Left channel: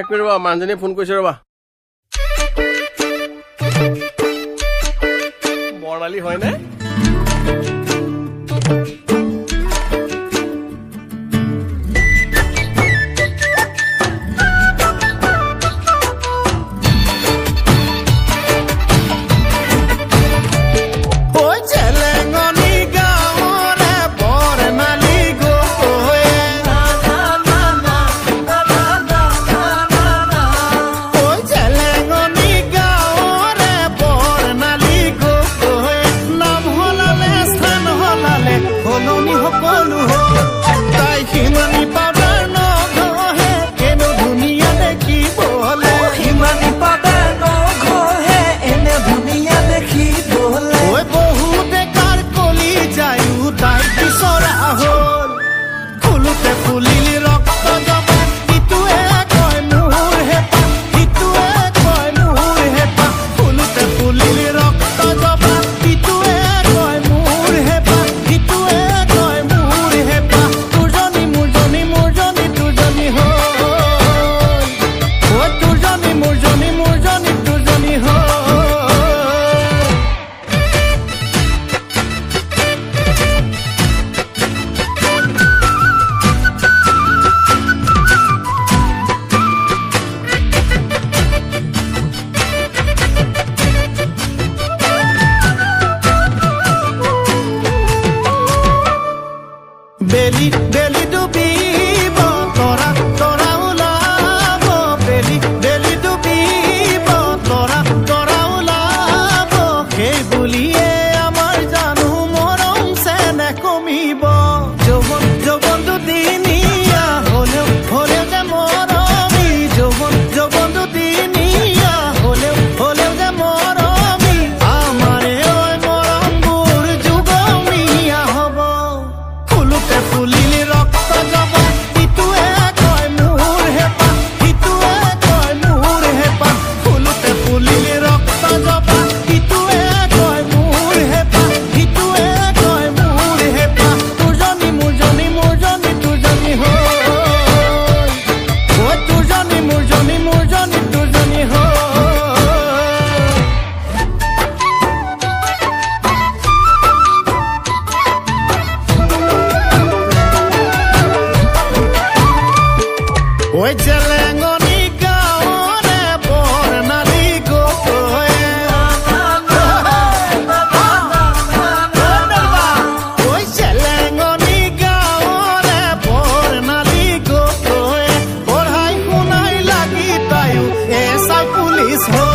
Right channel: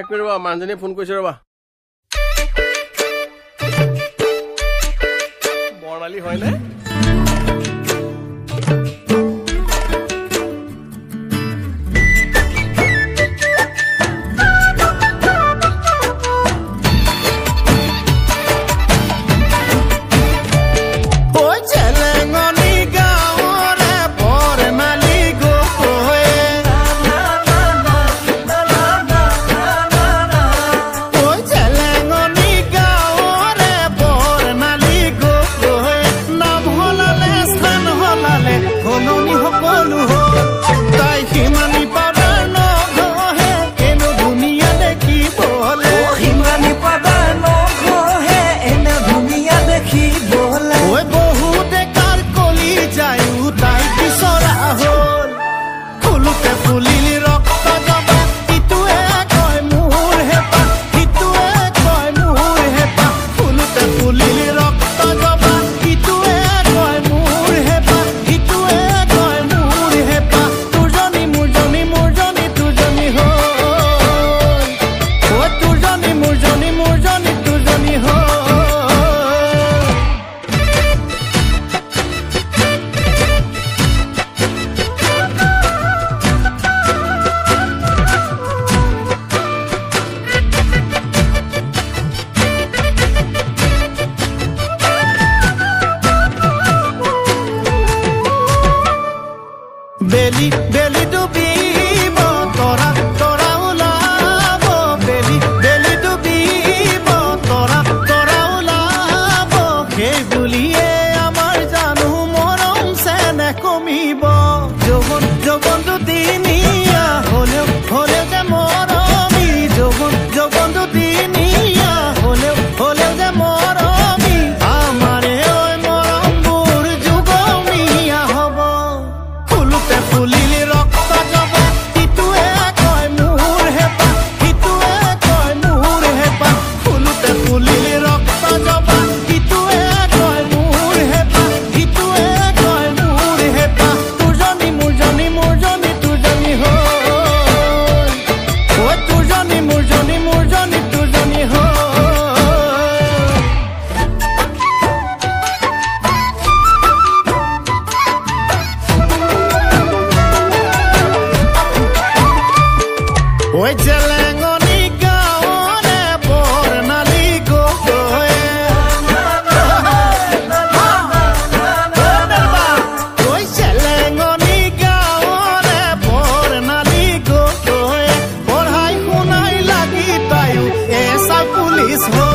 এক মিনিট ৰবা মানুহজনীয়ে ফোন কৰিছে ৰবা বৰ্ণালী হয়নে ফুলিলি ৰক্ত জবা ইটোৱে কয় মোৰ হেপা ইটোৱে কয় মোৰ হেপা ফুলুতে ফুলিলি ৰক্ত জবা ইটোৱে কয় মোৰ হেপা ইটোৱে কয় মোৰ হেপা তোৰজনী মোৰজনী মোৰজনী তোৰজনী হ'ল ঐ তোৰজনী মোৰজনী মোৰজনী তোৰজনী হ'ল বেলি বেলি ডুবিব তৰা তৰা ওলাব বেলি বেলি ডুবিব তৰা তৰা ওলাব সেই বুলিয়ে আমাৰ জানো মৰম চেনেহ কমিব যৌৱন যৌৱন দুদিনীয়া হলেও হলেও যে মৰমী যৌৱন যৌৱন দুদিনীয়া হলেও হলেও যে মৰমী আমাৰে ঐ মৰমবোৰ যুগমীয়া হ'ব ফুলিলি ৰক্ত জবা ইটোৱে কয় মোৰ হেপা ইটোৱে কয় মোৰ হেপা ফুলুতে ফুলিলি ৰক্ত জবা ইটোৱে কয় মোৰ হেপা ইটোৱে কয় মোৰ হেপা তোৰজনী মোৰজনী মোৰজনী তোৰজনী হ'ল ঐ তোৰজনী মোৰজনী মোৰজনী তোৰজনী হ'ল ঐ জেলেঙনি গাঁৱৰে বৰ্ণালী গগৈ ঐ জেলেঙনি গাঁৱৰে বৰ্ণালী গগৈ পঢ়াই শুনাই লাগি তায়ো এছা পুলিচ হ'ল